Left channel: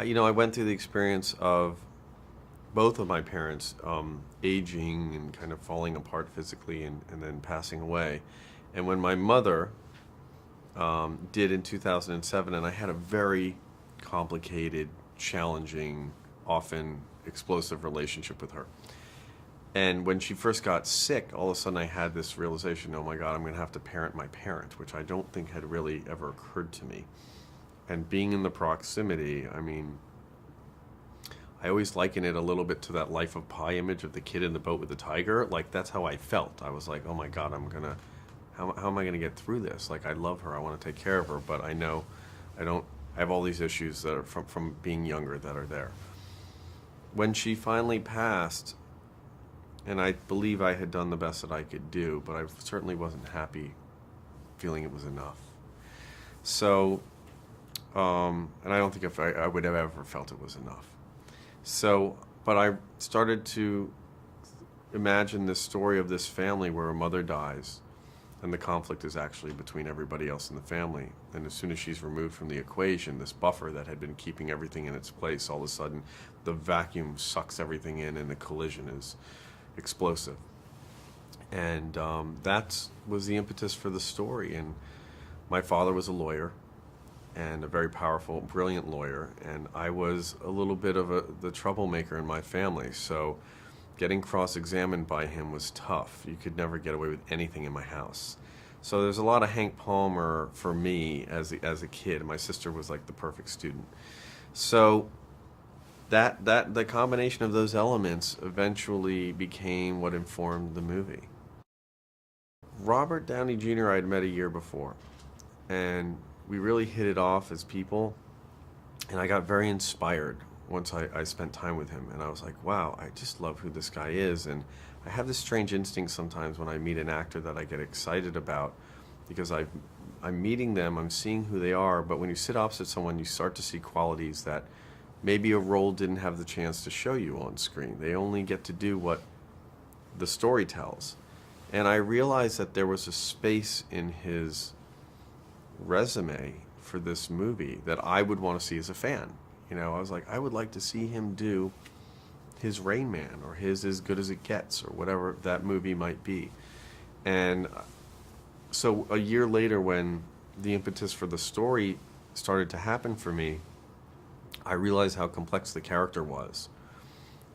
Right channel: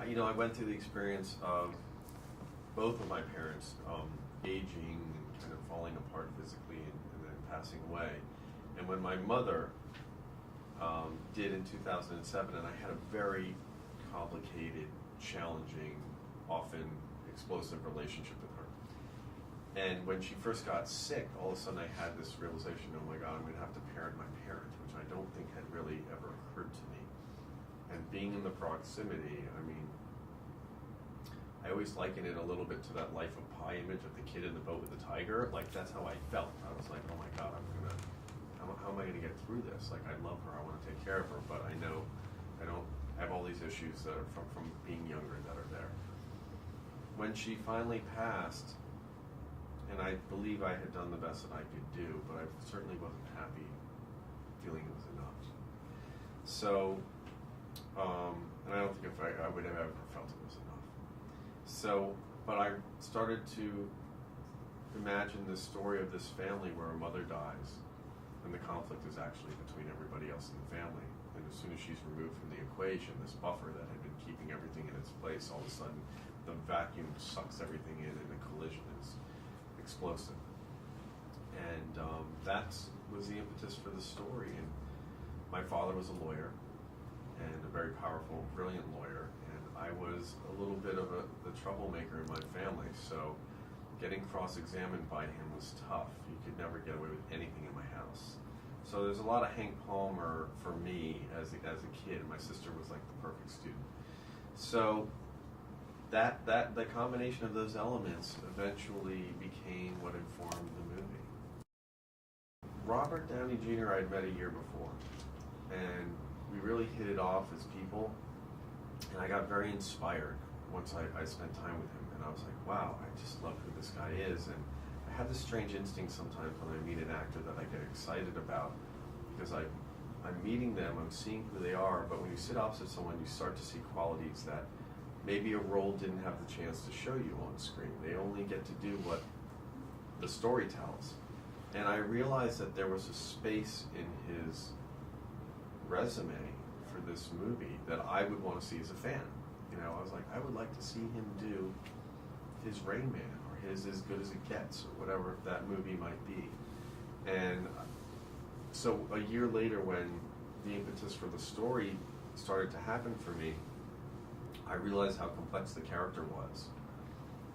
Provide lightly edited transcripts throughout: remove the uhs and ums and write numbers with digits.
I went through the experience of both of my parents aging and kind of falling apart physically and then passing away. And when my mother did in 2007, and I had a very complicated, challenging, often explosive relationship with her. And when she first got sick, all of a sudden I had this realization, oh my God, I'm going to have to parent my parent, which I don't think had really ever occurred to me. And being in the proximity, I mean, I always liken it a little bit to that Life of Pi image of the kid in the boat with the tiger. Like, that's how I felt. I was like, oh my God, how am I gonna get through this? Like, I love her, I wanna take care of her, but I know I have all these issues that are from being younger that are there. When she finally passed, and I believe I had done the best that I could do, but I certainly wasn't happy feeling it was enough. So, and I don't think if I would have ever felt it was enough. So, but I started to imagine this story of this family where a mother dies, and the conflict is actually between everybody else in the family. And as soon as she's removed from the equation, this buffer that had been keeping everything in its place, all of a sudden the vacuum sucks everything in and the collision is explosive. And that was the impetus for the story. And my father was a lawyer, and a very powerful, brilliant lawyer, and I was a little bit of the troublemaker in my family, so getting cross-examined by him was tough. You could never get away with anything in my house. So there's a lot of Hank Palmer for me as a kid. My sister was like the perfect student. So that the combination of those elements eventually became what informed the movie. Robert Downey Jr. I had met a year before, and we really hit it off as people, and I got very inspired once I spent time with him, and I was like, wow, I just love who this guy is. And I have this strange instinct sometimes when I meet an actor that I get excited about, because I'm meeting them, I'm seeing who they are, but when you sit opposite someone, you start to see qualities that maybe a role didn't have the chance to show you on screen. They only get to do what the story tells. And I realized that there was a space in his resume for this movie that I would want to see as a fan. I was like, I would like to see him do his Rain Man or his As Good as It Gets or whatever that movie might be. And so a year later, when the impetus for the story started to happen for me, I realized how complex the character was.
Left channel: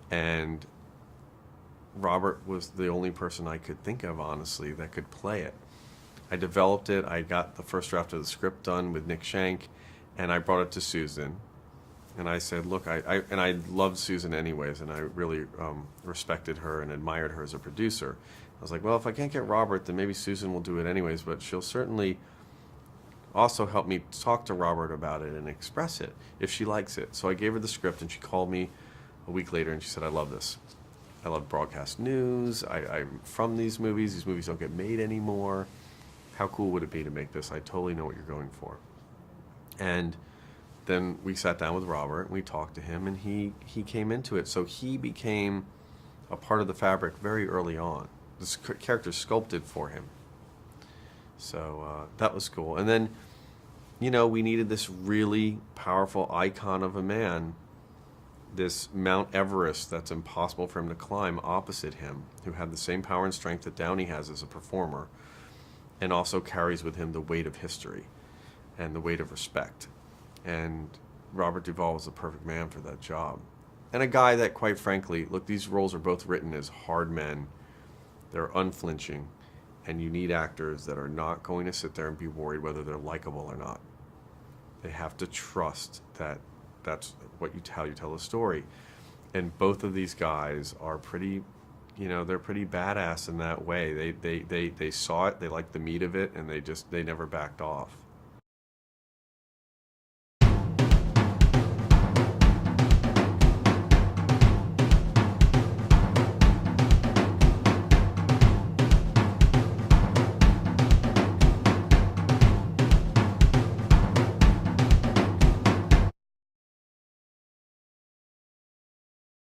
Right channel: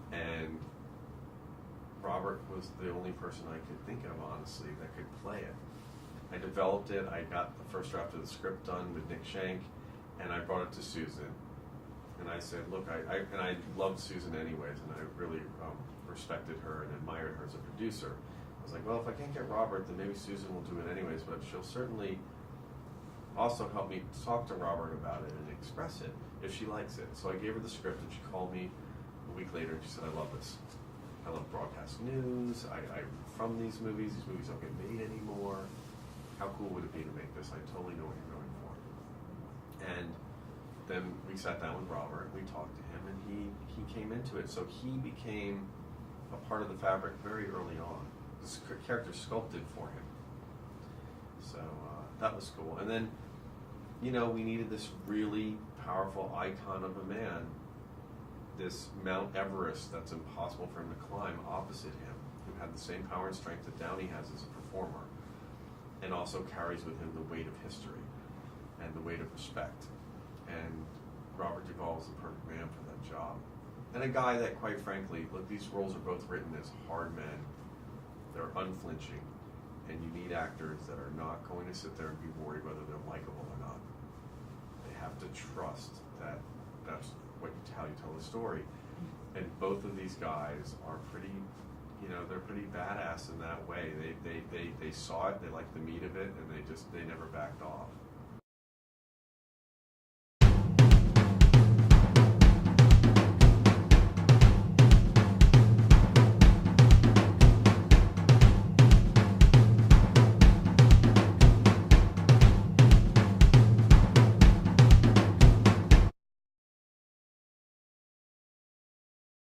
And Robert was the only person I could think of, honestly, that could play it. I developed it. I got the first draft of the script done with Nick Schenk, and I brought it to Susan. And I said, look, I loved Susan anyways, and I really respected her and admired her as a producer. I was like, well, if I can't get Robert, then maybe Susan will do it anyways, but she'll certainly also help me talk to Robert about it and express it if she likes it. So I gave her the script, and she called me a week later, and she said, I love this. I love broadcast news. I'm from these movies don't get made anymore. How cool would it be to make this? I totally know what you're going for. And then we sat down with Robert, and we talked to him, and he came into it. So he became a part of the fabric very early on. This character sculpted for him. So that was cool. And then, we needed this really powerful icon of a man, this Mount Everest that's impossible for him to climb opposite him, who had the same power and strength that Downey has as a performer, and also carries with him the weight of history and the weight of respect. And Robert Duvall was the perfect man for that job. And a guy that, quite frankly, look, these roles are both written as hard men. They're unflinching, and you need actors that are not going to sit there and be worried whether they're likable or not. They have to trust that that's how you tell a story. And both of these guys are pretty, they're pretty badass in that way. They saw it, they liked the meat of it, and they never backed off.